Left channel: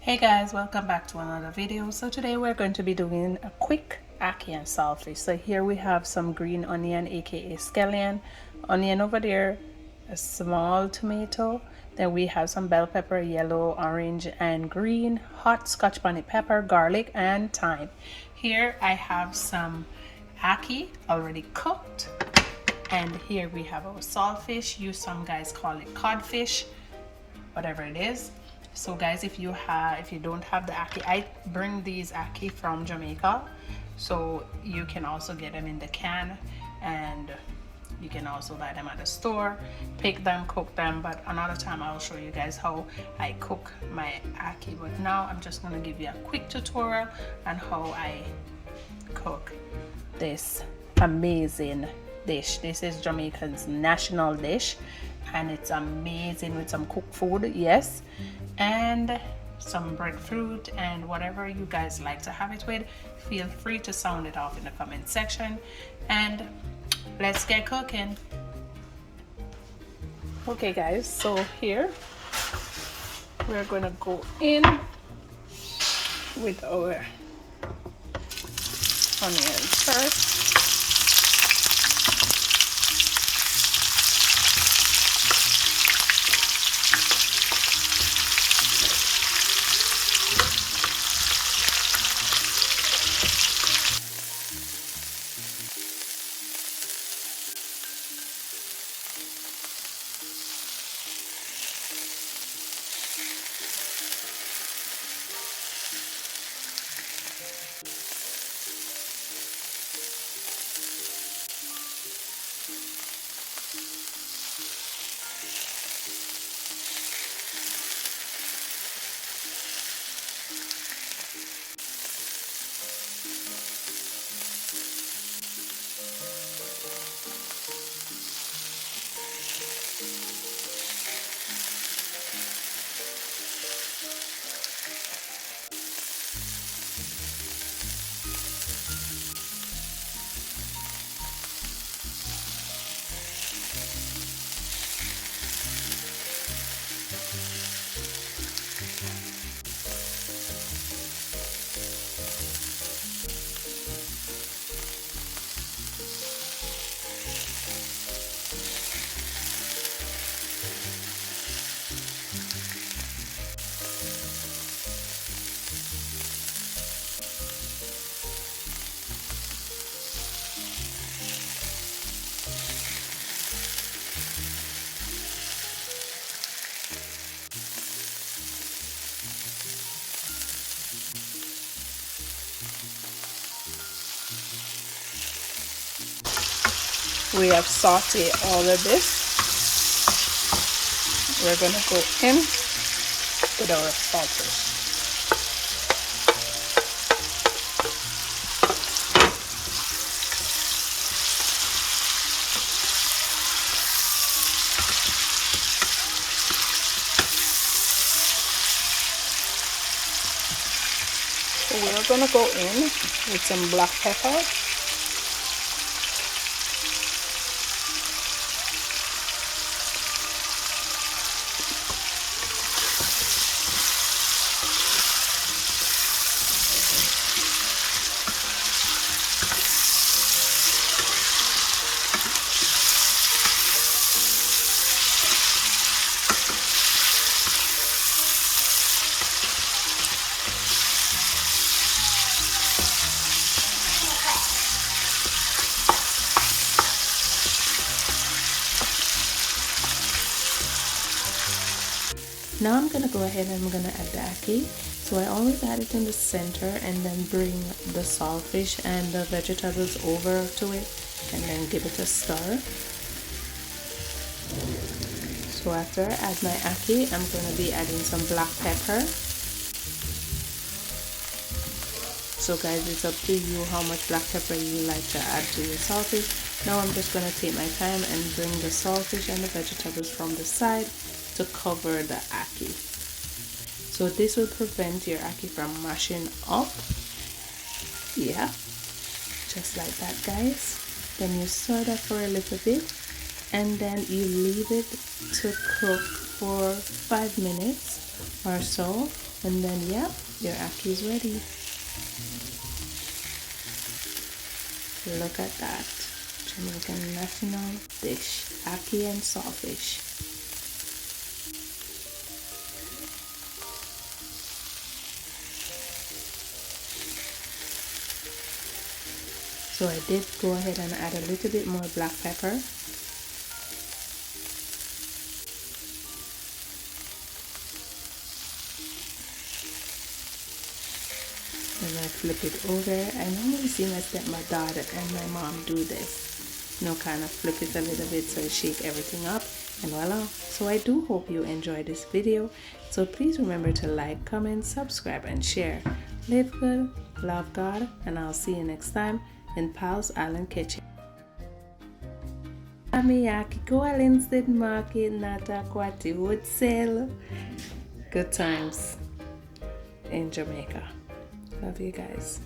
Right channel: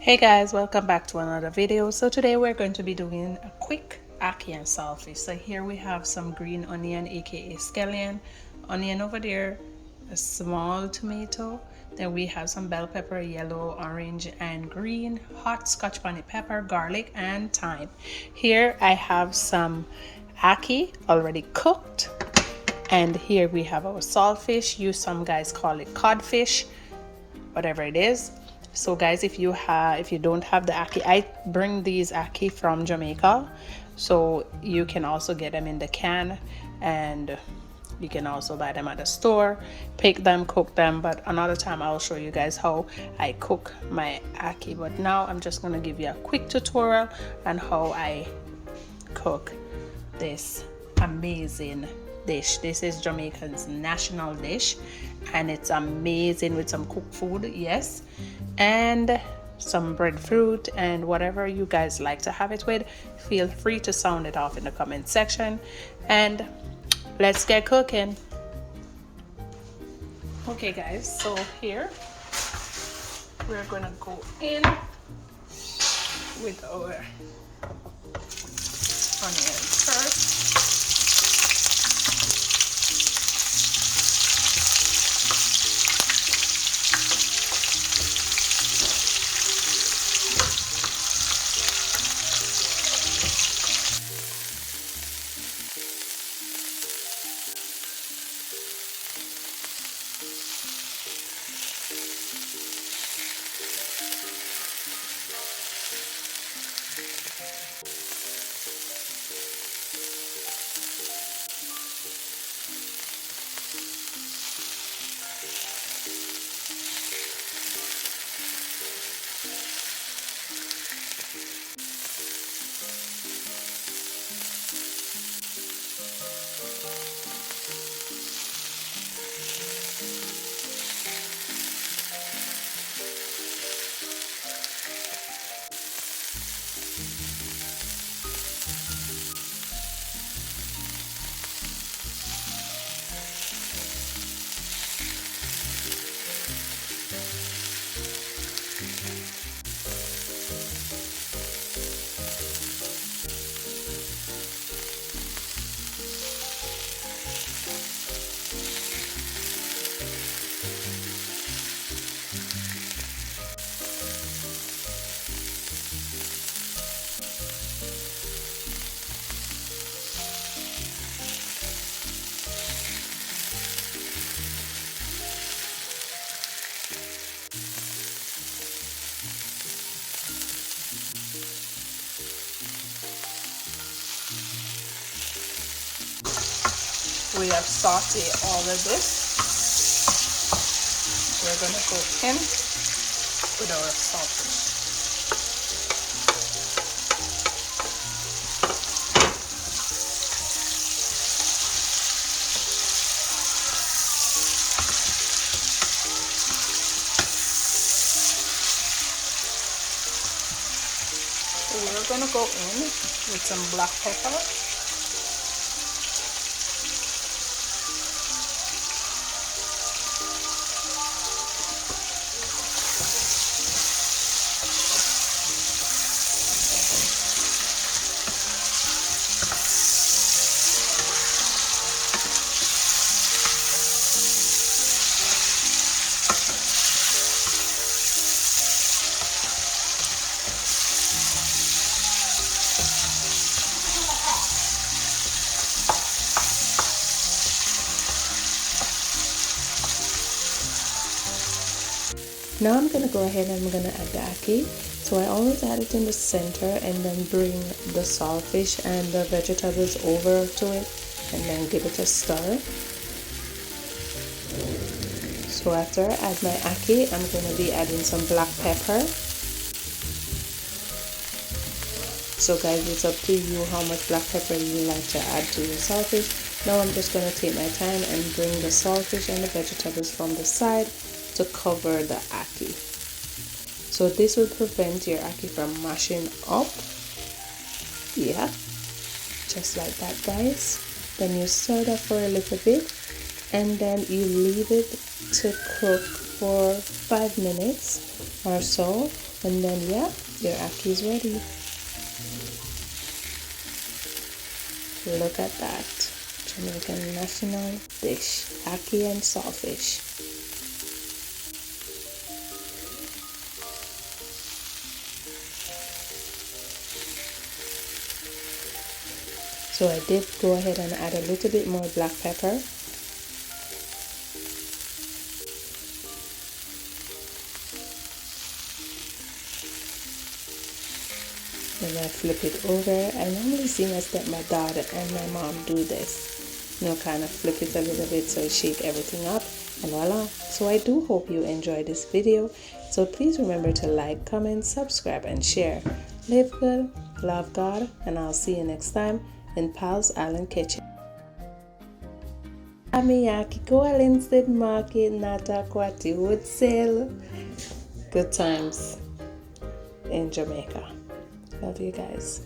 Hey guys, welcome back to another video. So today we're going to be doing a quick ackee and saltfish. So here we have some green onion, aka scallion, onion over there, a small tomato. Then we have some bell pepper, yellow, orange, and green, hot scotch bonnet pepper, garlic, and thyme. Here I have some ackee already cooked. And here we have our saltfish. Some guys call it codfish, whatever it is. So guys, if you don't have the ackee, I bring these ackee from Jamaica, so you can also get them in the can, and you can also buy them at the store, pick them, cook them. But another time I'll show you guys how I cook my ackee. But now I'm just going to give you a quick tutorial on how I cook this amazing dish. This is Jamaican's national dish, and it's amazing with some cooked food, yes, and some breadfruit and whatever you guys like to have it with. Feel free to sound it off in the comment section, and let's get cooking. Okay guys, so here we're gonna go in with our onions first. We have sauteed all of this. We're going to go in with our saltfish. So we're going to go in with some black pepper. Now I'm going to go ahead and I'm going to add the ackee. So I always add it in the center and then bring the saltfish and the vegetables over to it and then give it a stir. So after I add my ackee, I'm going to be adding some black pepper. So guys, it's up to you how much black pepper you like to add to your saltfish. Now I'm just going to take my time and bring the saltfish and the vegetables from the side to cover the ackee. So this will prevent your ackee from mashing up. Yeah, just like that guys. Then you stir that for a little bit and then you leave it to cook for 5 minutes or so And then, yep, your ackee is ready. Look at that. Jamaican national dish, ackee and saltfish. So I did go ahead and add a little bit more black pepper. And I flip it over. I normally see my stepdad and my mom do this. You know, kind of flip it a little bit so I shake everything up, and voila. So I do hope you enjoyed this video. So please remember to like, comment, subscribe, and share. Live good, love God, and I'll see you next time in Pal's Island Kitchen. Amiyaki ko alinstead market nata kwati would sell. Good times in Jamaica. Love you guys.